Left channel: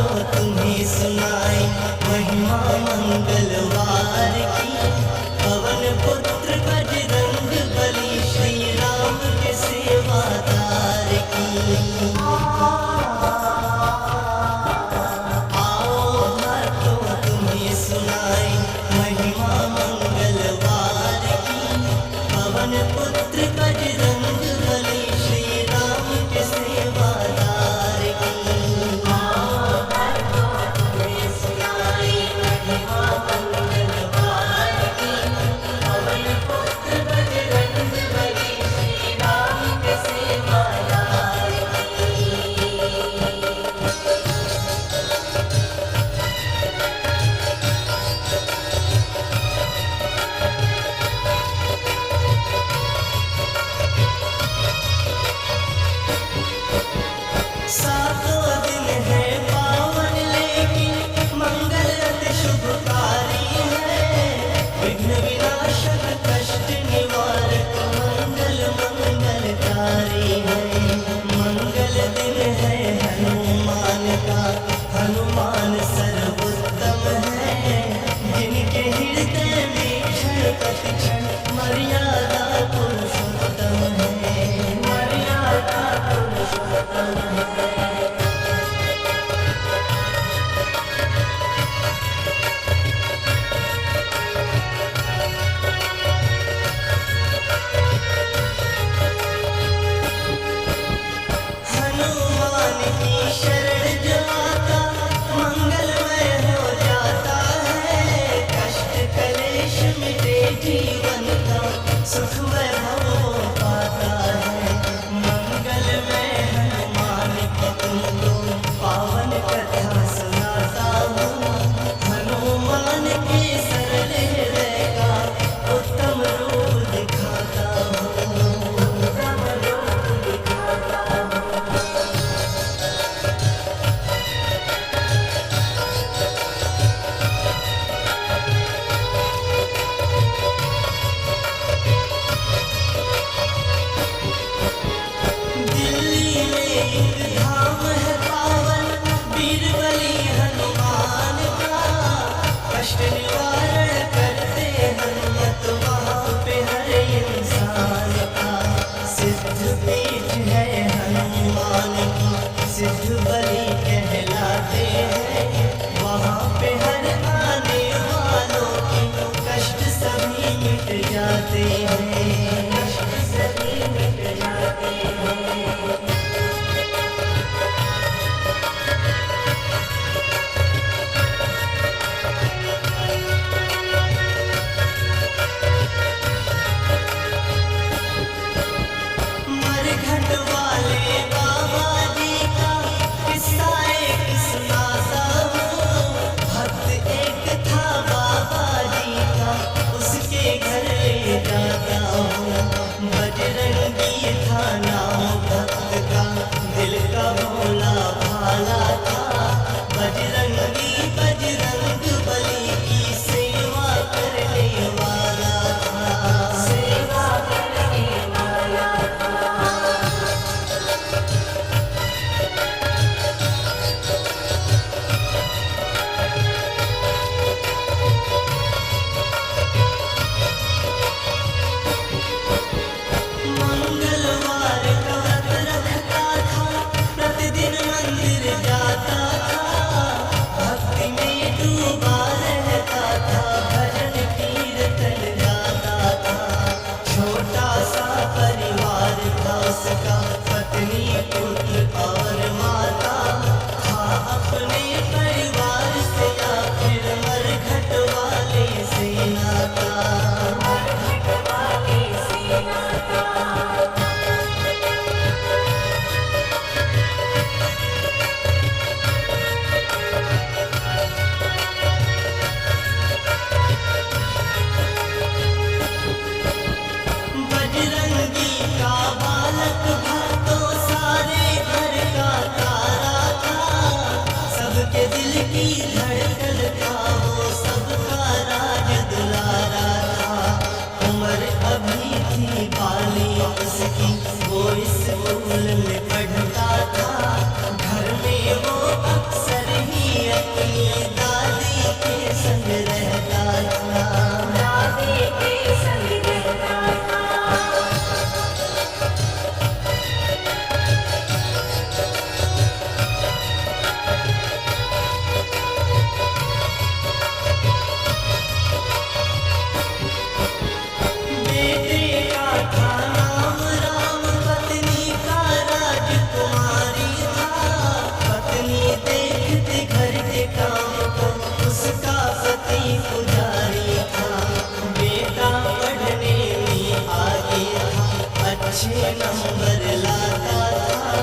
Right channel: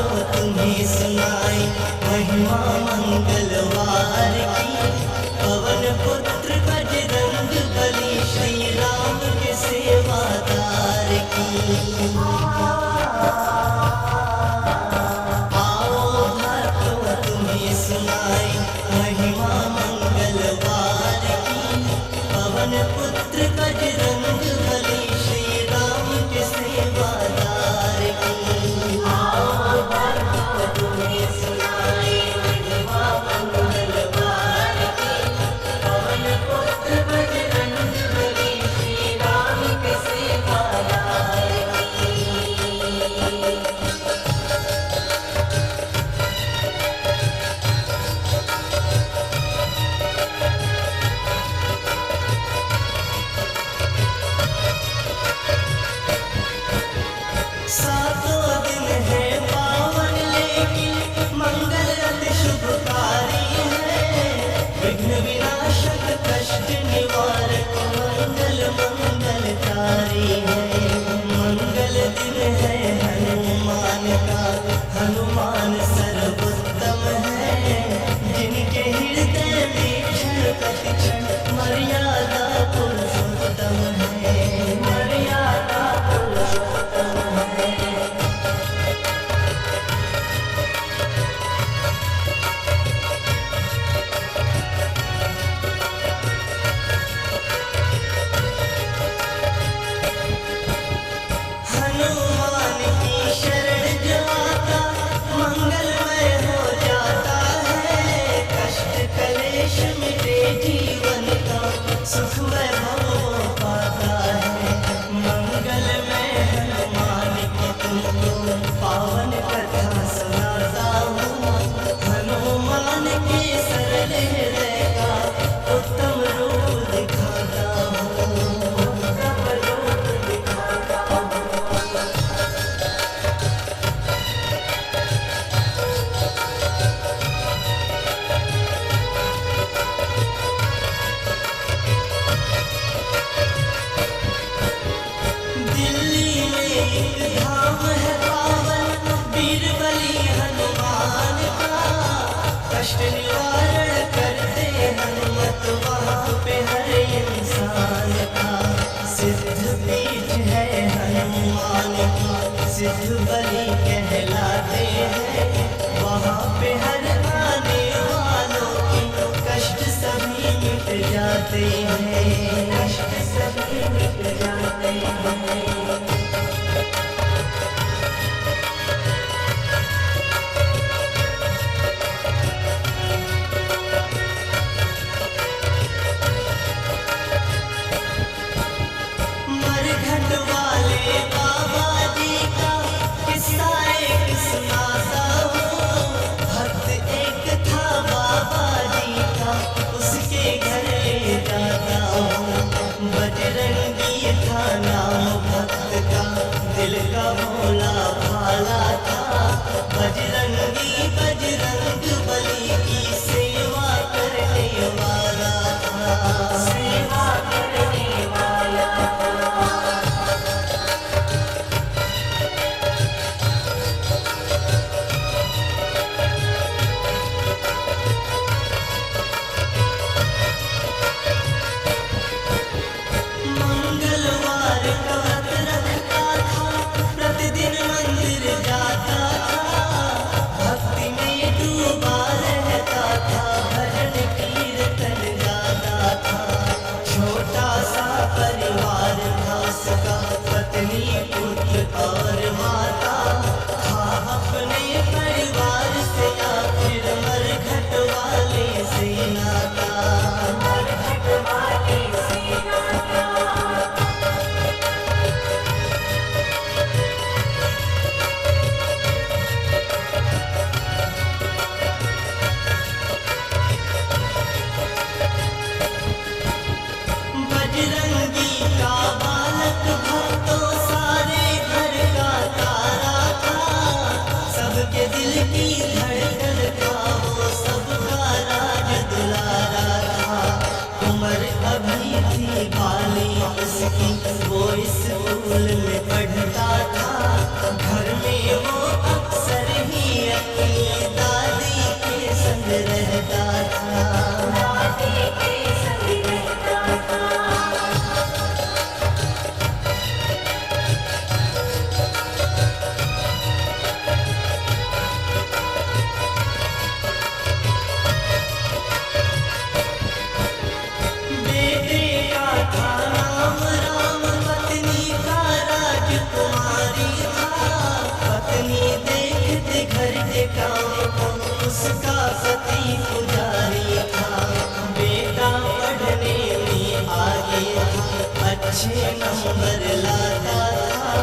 तो तुम्हें सुनाई महिमा मंगलवार की। पवन पुत्र बजरंग बली श्री राम के सेवादार की। आओ भक्तों तुम्हें सुनाई महिमा मंगलवार की। पवन पुत्र बजरंग बली श्री राम के सेवादार की। आओ भक्तों तुम्हें सुनाई महिमा मंगलवार की। पवन पुत्र बजरंग बली श्री राम के सेवादार की। सातों दिन है पावन लेकिन मंगल अति शुभकारी है। विघ्न विनाशक कष्ट निवारक मंगल मंगलकारी है। मंगल दिन है हनुमान का, हनुमान सर्वोत्तम है। जिनके हृदय में क्षण प्रति क्षण मर्यादा पुरुषोत्तम है। मर्यादा पुरुषोत्तम है। हनुमान की शरण जो आता मंगलमय हो जाता है। कष्ट कलेश मिटे जीवन का, सुख वैभव वो पाता है। मंगलमय हनुमान की तुमको पावन कथा सुनाता हूँ। हनुमान के सरल हृदय का उत्तम रूप दिखाता हूँ। उत्तम रूप दिखाता हूँ। दिल्ली में एक धाम है पावन, बीरबली हनुमान का। कष्ट निवारण करते हनुमत वहाँ पे हर इंसान का। सिद्ध पीठ है हनुमान की, सिद्ध बलि कहलाते हैं। वहाँ पे हर आने वालों के कष्ट सभी मिट जाते हैं। कष्ट सभी मिट जाते हैं। मरघट वाले बाबा जी का किस्सा एक सुनाता हूँ। भक्त एक था बाबा जी का, उसके घर ले जाता हूँ। बजरंगी था नाम भक्त का, दिल का भोला भाला था। बजरंगी बजरंग बली की सेवा करने वाला था। सेवा करने वाला था। मंगलवार का व्रत रखता था, प्रतिदिन मंदिर जाता था। भक्ति में डूबा रहता था, भजन कीर्तन गाता था। छोटा सा परिवार था उसका, पत्नी पुत्र और माता। था अपने परिवार से या फिर मरघट वाले से नाता। मरघट वाले से नाता। बजरंगी का बालक भक्तों सारे घर का तारा था। सबके दिल की धड़कन था वो, सबका राज दुलारा था। उम्र अभी थी बाली उसकी, वो स्कूल में पढ़ता था। घर में वो अक्सर ही उसका पति पुजारी था, बेटा पढ़ने में आगे था, अच्छे नंबर लाता था,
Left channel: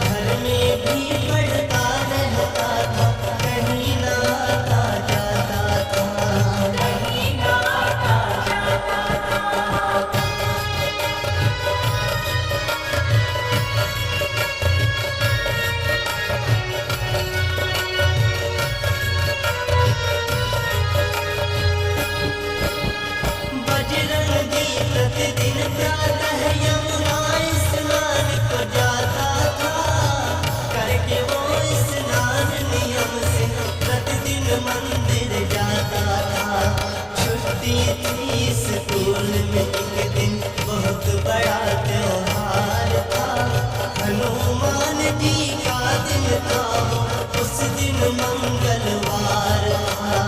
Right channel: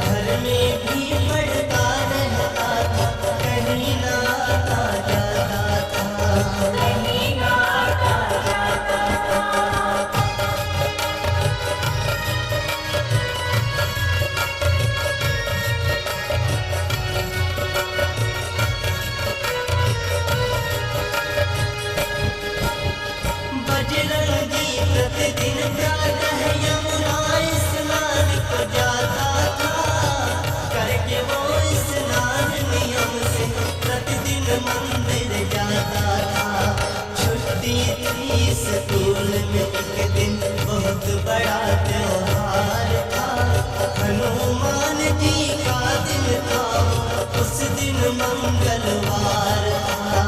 घर में भी पढ़ता रहता था, कहीं ना आता जाता था। बजरंगी प्रतिदिन प्रातः यमुना स्नान को जाता था, करके वो स्नान नियम से प्रतिदिन मंदिर जाता था। छुट्टी थी स्कूल में एक दिन, बहुत बड़ा त्योहार था, हनुमान जी का दिन था, उस दिन मंगलवार था।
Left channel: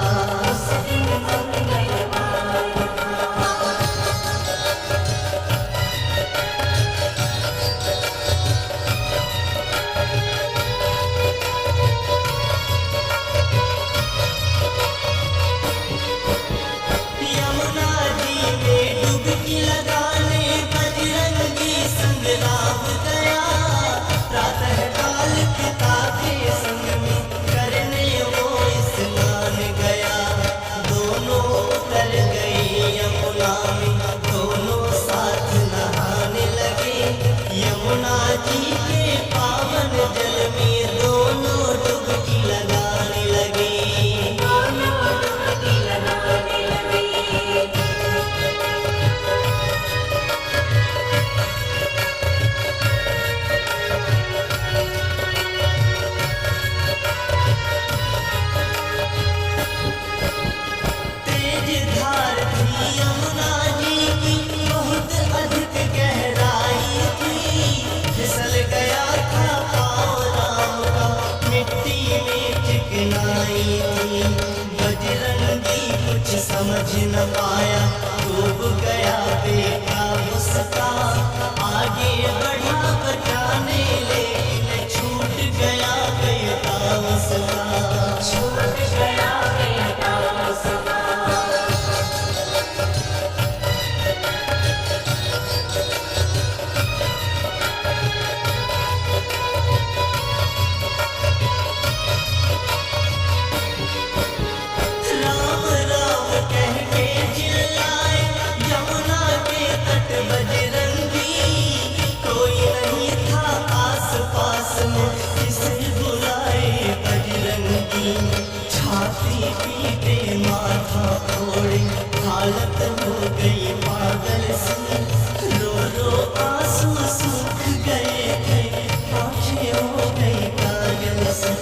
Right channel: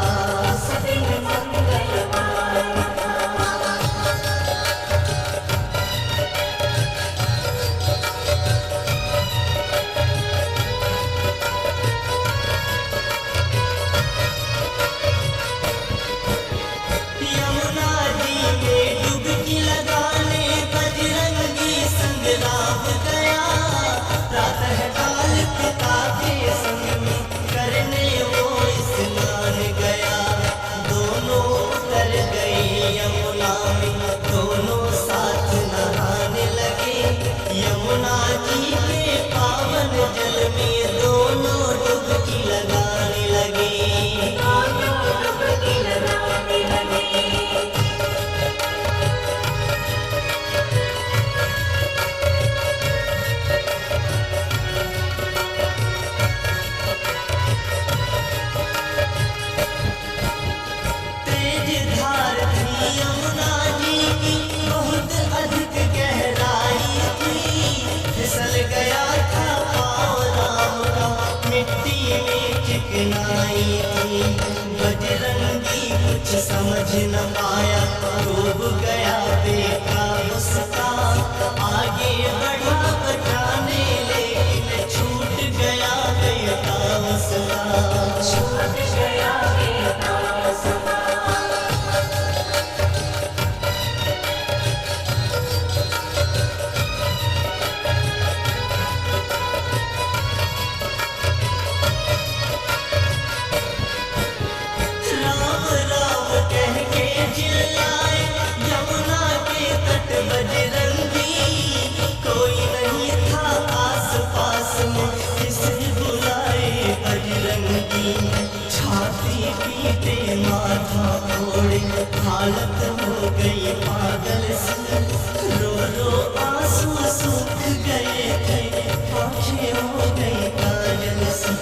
यमुना जी में डुबकी लगाने बजरंगी संग राम गया, प्रातः काल पिता के संग में करने वो स्नान गया। दोनों उतर गए यमुना में, दोनों साथ नहाने लगे, यमुना जी के पावन जल में दोनों डुबकी लगाने लगे। धार थी यमुना जी की, बहुत अधिक गहराई थी, फिसल गया था पाँव राम का, मिट्टी में चिकनाई थी। बजरंगी कुछ समझ न पाया, डूब गया बेटा उसका, आगे बढ़ा बचाने लेकिन छूट गया बेटा उसका। राम राम कह के चिल्लाए यमुना के तट बजरंगी, कोई नहीं था आस पास में किसे बुलाए बजरंगी। छाती पीटे माथा फोड़े, हालत हो गई पागल सी, रो रो आंसू सूख गए थे, आंखें हो गई काजल सी।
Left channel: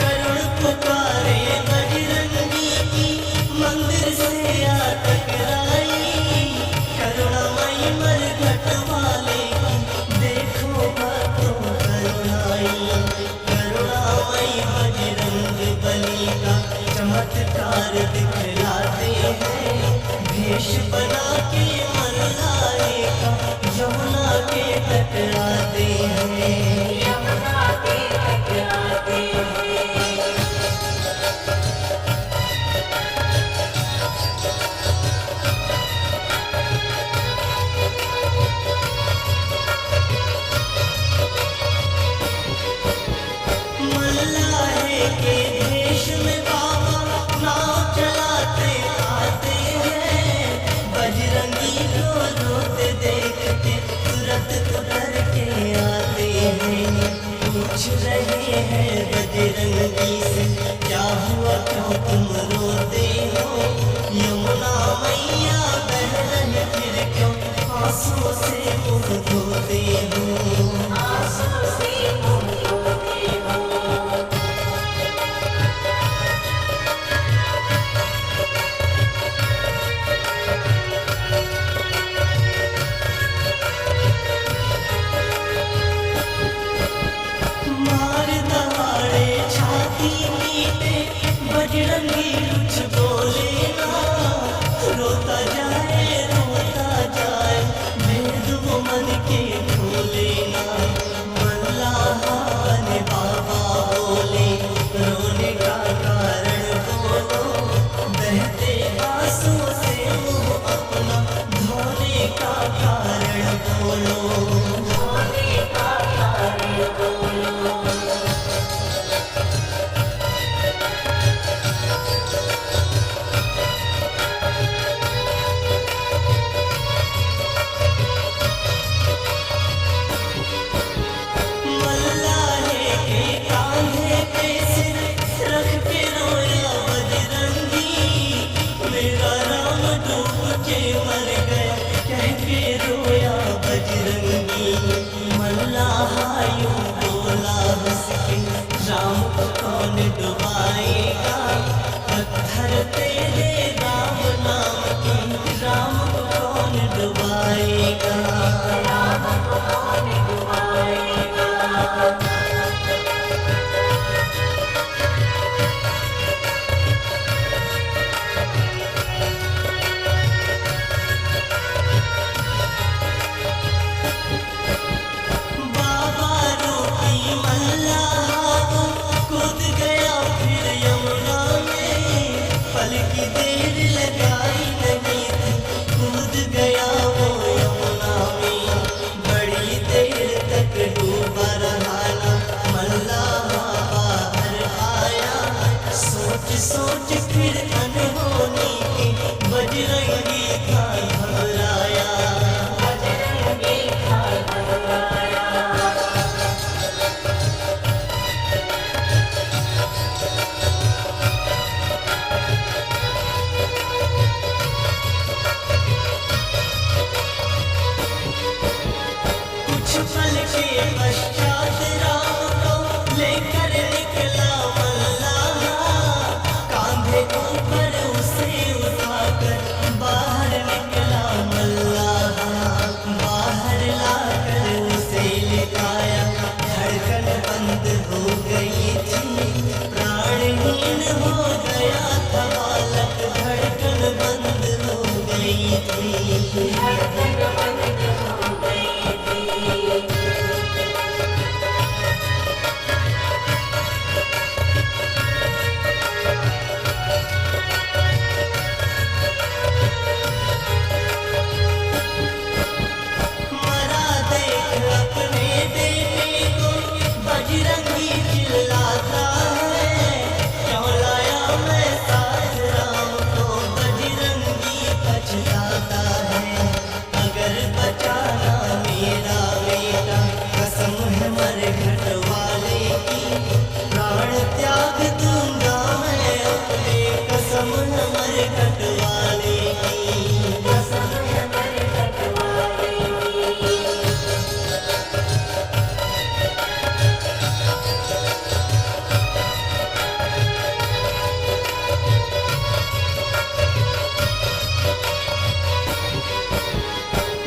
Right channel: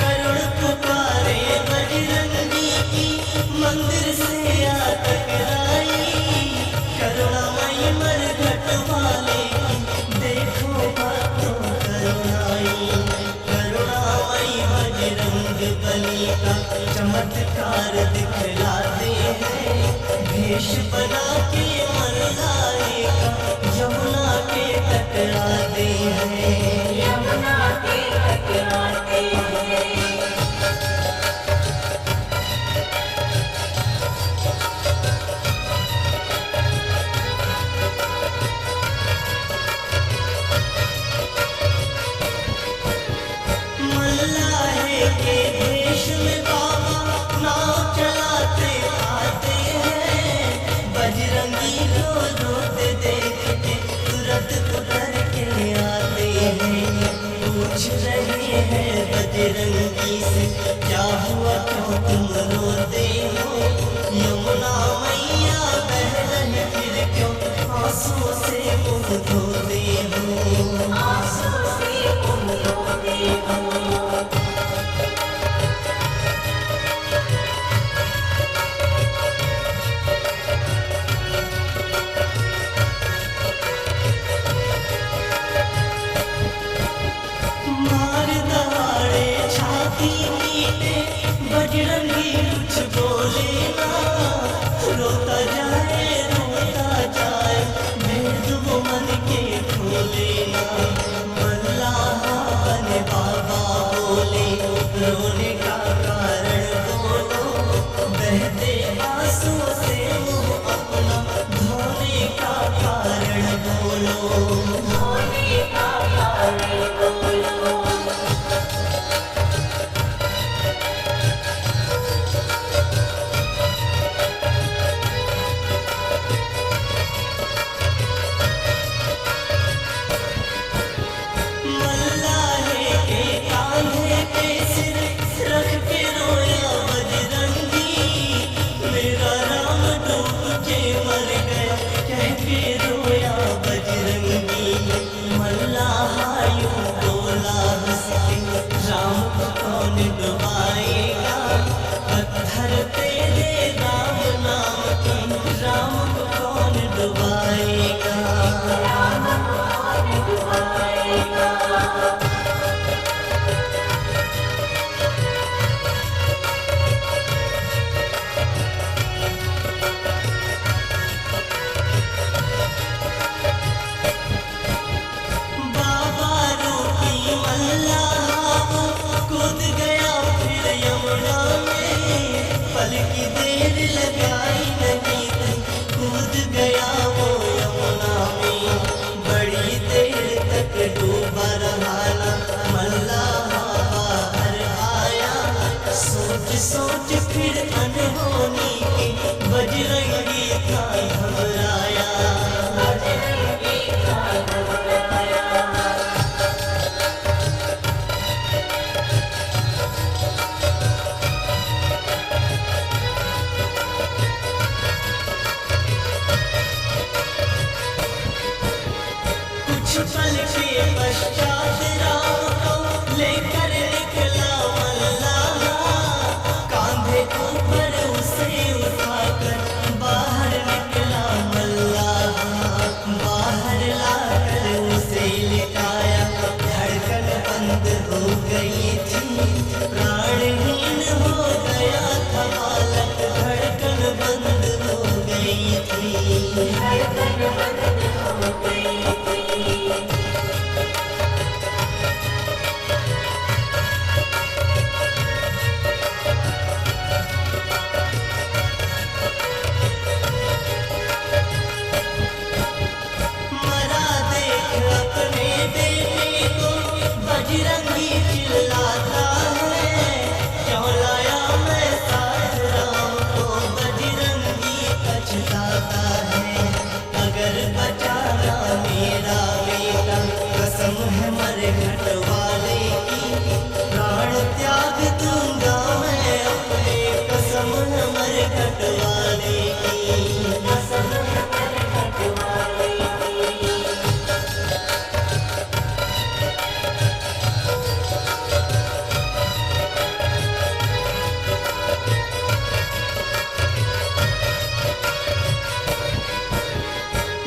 करुण पुकारे बजरंगी की, मंदिर से आ टकराई, करुणामयी मरघट वाले की, देखो बातों करुणाई। करुणामयी बजरंग बली का चमत्कार दिखलाते हैं, भेष बना के मन लाएगा, यमुना के टकराते हैं। यमुना के टकराते हैं। मल्लाहे के देश में बाबा नाव चलाते आते हैं, बजरंगी को रोते देख के तुरंत उतर के आते हैं। पूछ रहे हैं बजरंगी से, क्या हुआ क्यों तुम रोते हो, यमुना मैया बह रही फिर क्यों आंसू से मुँह धोते हो। आंसू से मुँह धोते हो। मार दहाड़े छाती बजरंगी कुछ बोले ना, रोता जाए भेद वो मन के खोले ना। मल्लाहा बने बाबा बोले, रोने का कारण बोलो, बहते आंसू से मुंह अपना धोने का कारण बोलो, धोने का कारण बोलो। मल्लाहे के कांधे पे सिर रख के रोया बजरंगी, मेरा राम डूब के मर गया कह के रोया बजरंगी। मल्लाहा यूं बोला हंस के, राम को कौन डुबाएगा, पत्थर तेरे राम नाम के, राम को कौन डुबाएगा, राम को कौन डुबाएगा। बाबा रोटी मल्लाहा वो कूद गया फिर यमुना में, पल की देर लगाई नहीं थी, कूद गया वो यमुना में। बड़ी देर तक डूबा रहा ना मल्लाहा बाहर आया, सोच सोच फिर अनहोनी के बजरंगी था घबराया, बजरंगी था घबराया। कुछ पल के पश्चात राम को लेकर निकला मल्लाहा, कांधे ऊपर उसे उठाकर बाहर निकला मल्लाहा। बाहर लाकर उसे लिटाया, धड़कन बंद हो गई थी, प्राणहीन हो गया था बालक, धड़कन बंद हो गई थी, धड़कन बंद हो गई थी। मरा देख अपने बेटे को बजरंगी चिल्लाता है, क्यों लाया मैं साथ राम को, बजरंगी पछताता है। अगर बचाना मेरा बेटा कसम है मरघट वाले की, प्राण त्याग दूंगा मैं अपने, कसम है मरघट वाले की, कसम है मरघट वाले की।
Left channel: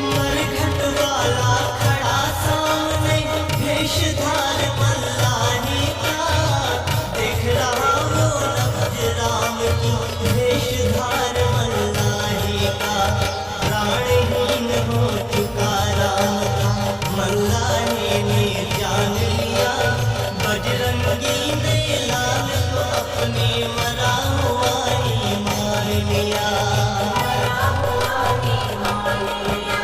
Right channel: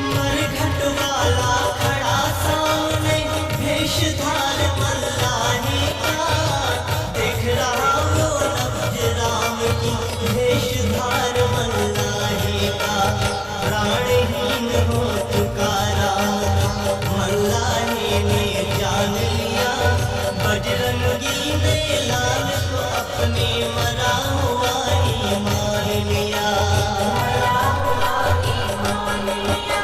मरघट वाला खड़ा सामने, भेषधार मल्लाहे का, देख रहा वो नब्ज राम की, भेषधार मल्लाहे का। प्राणहीन हो चुका राम था, मल्लाहे ने जान लिया, बजरंगी ने लाल को अपने मरा हुआ ही मान लिया, मरा हुआ ही मान लिया।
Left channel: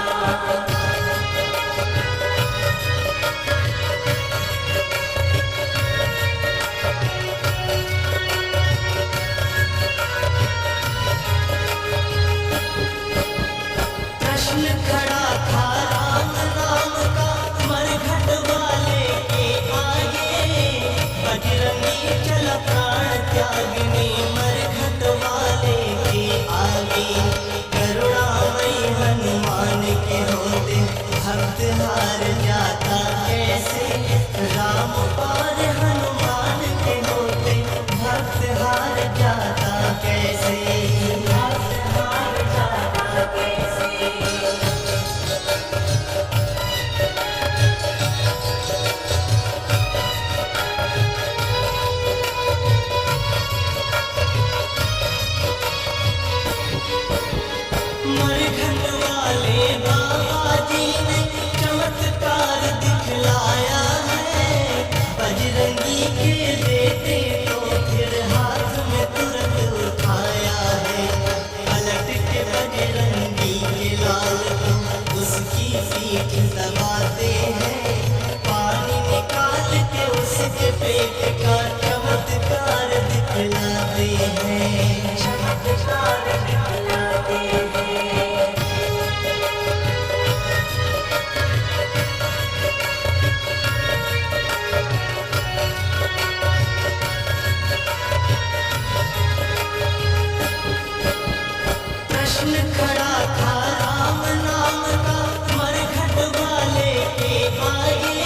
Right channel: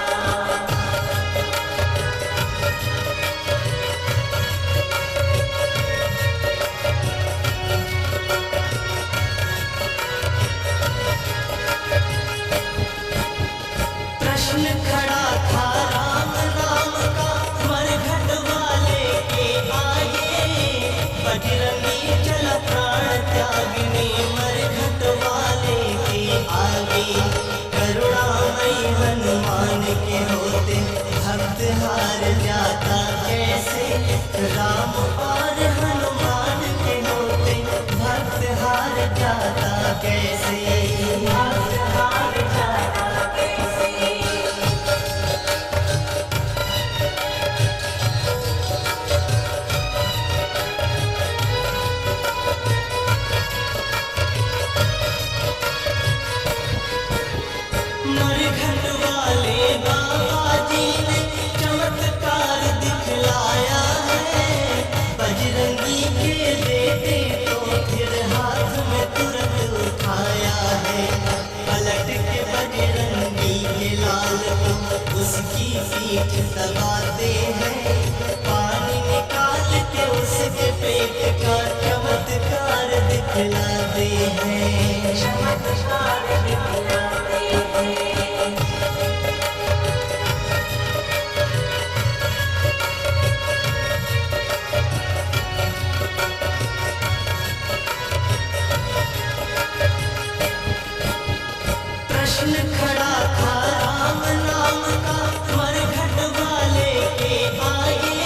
प्रश्न खड़ा था राम राम का मरघट वाले के आगे, बजरंगी चला प्राण त्यागने मरघट वाले के आगे। करुणामयी हनुमान के होते भक्त हार जाता कैसे, राम और हनुमान के होते भक्त हार जाता कैसे, भक्त हार जाता कैसे। बजरंगी के बेटे तो फिर हाथ में तुरंत उठाया है। पलट के बजरंगी के लाल को उसकी पीठ दबाते हैं। पानी निकाल के उसके पेट का चमत्कार दिखलाते हैं। चमत्कार दिखलाते हैं। प्रश्न खड़ा था राम नाम का मरघट वाले के आगे।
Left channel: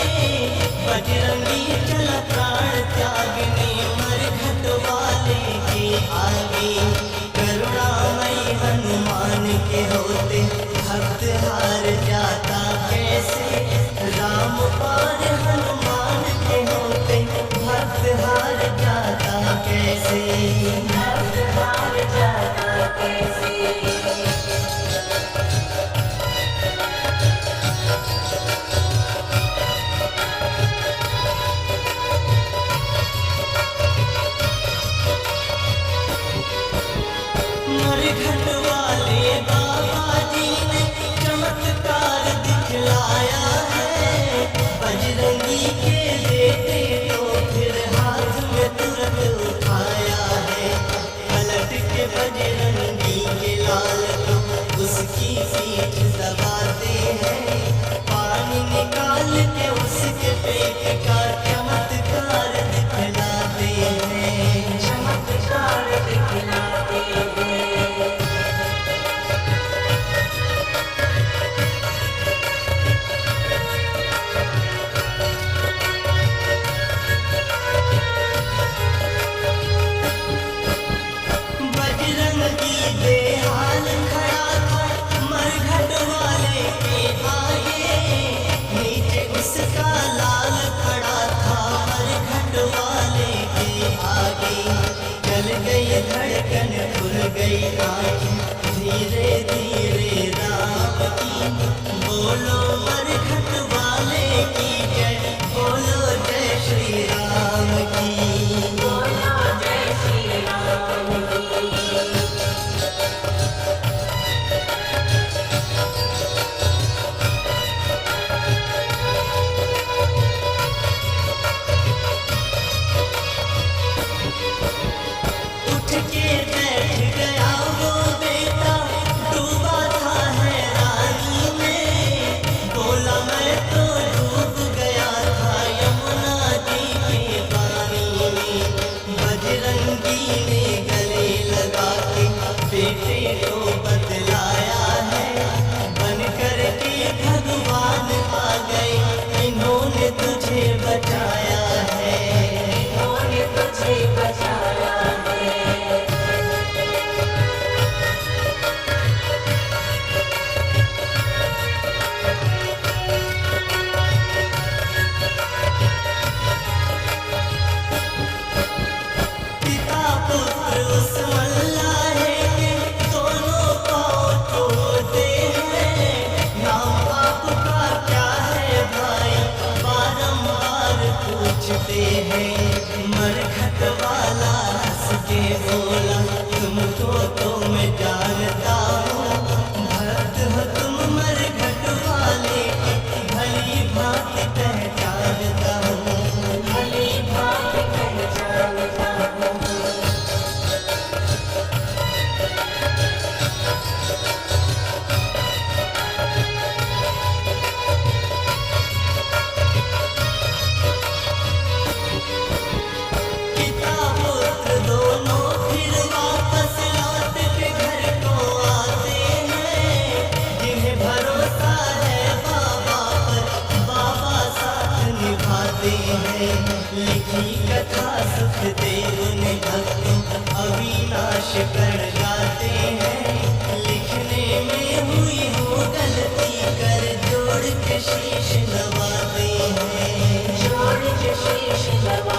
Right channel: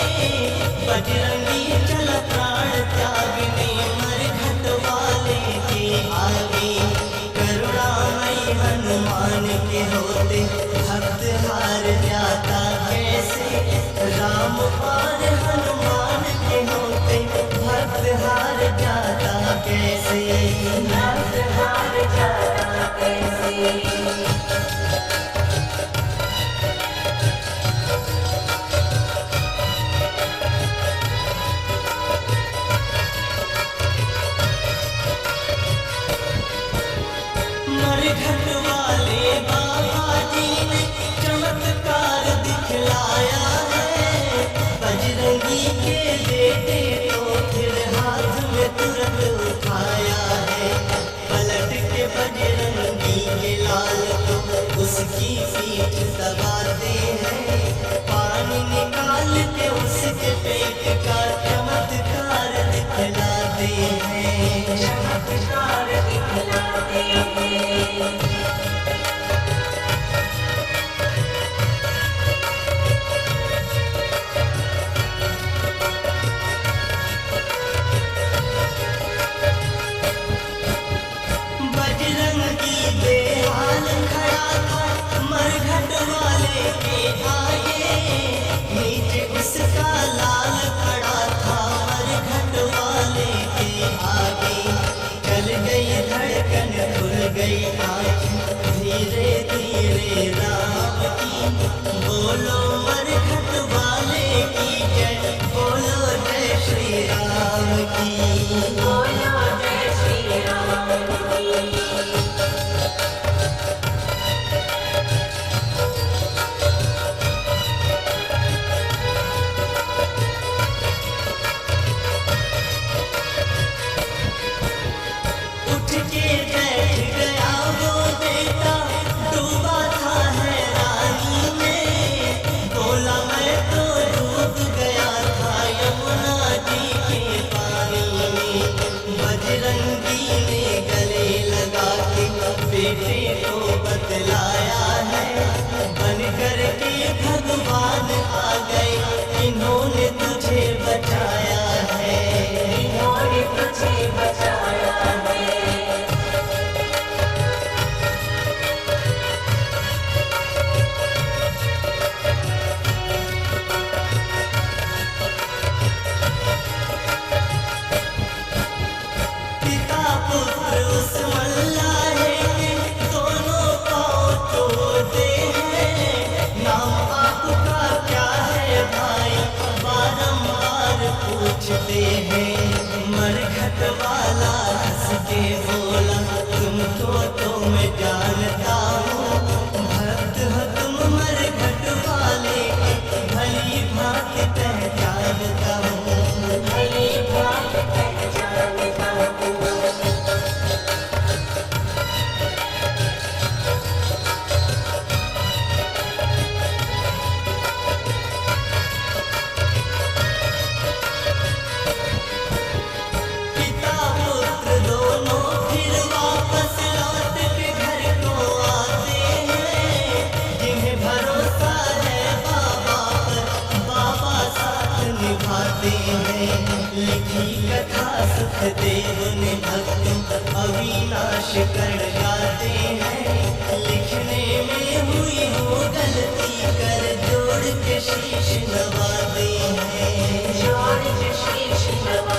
बजरंगी चल प्राण त्यागने मरघट वाले के आगे। करुणामय हनुमान के होते भक्त हार जाता कैसे। राम और हनुमान के होते भक्त हार जाता कैसे। भक्त हार जाता कैसे। मरघट वाले बाबा जी ने चमत्कार दिखलाया है। बजरंगी के बेटे तो फिर हाथ में तुरंत उठाया है। पलट के बजरंगी के लाल को उसकी पीठ दबाते हैं। पानी निकाल के उसके पेट का चमत्कार दिखलाते हैं। चमत्कार दिखलाते हैं। बजरंगी बेहाल खड़ा था मरघट वाले के आगे। नीचे उसका लाल खड़ा था मरघट वाले के आगे। चल गई धड़कन खुल गई आँखें धीरे धीरे राम की। बोलो मरघट वाले की जय। बोलो जय श्री राम की। बोलो जय श्री राम की। उठ के बैठ गया वो बेटा डूबा था हैरानी में। बोला मैं तो डूब गया था यमुना जी के पानी में। बजरंगी ने गले लगा के बेटे को बतलाया है। बन कर के भगवान आ गए इन्होंने तुझे बचाया है। इन्होंने तुझे बचाया है। पिता पुत्र उस मल्लाहे के दोनों पाँव तोड़ते हैं। नाम आपका क्या है भाई बारंबार पूछते हैं। मरघट वाला हंस के बोला तुमको तो मैं जानता हूँ। भक्त हो तुम मरघट वाले के भली भांति पहचानता हूँ। भली भांति पहचानता हूँ। पिता पुत्र दोनों फिर वापस लौट के घर को आते हैं। जिन्हें भरोसा है बाबा पर बाबा साथ निभाते हैं। लिखी कथा सुखदेव ने भक्तों अविनाश कर गाते हैं। लिखने में हुई हो गलती कर जोड़ के शीश नवाते हैं। जोड़ के शीश नवा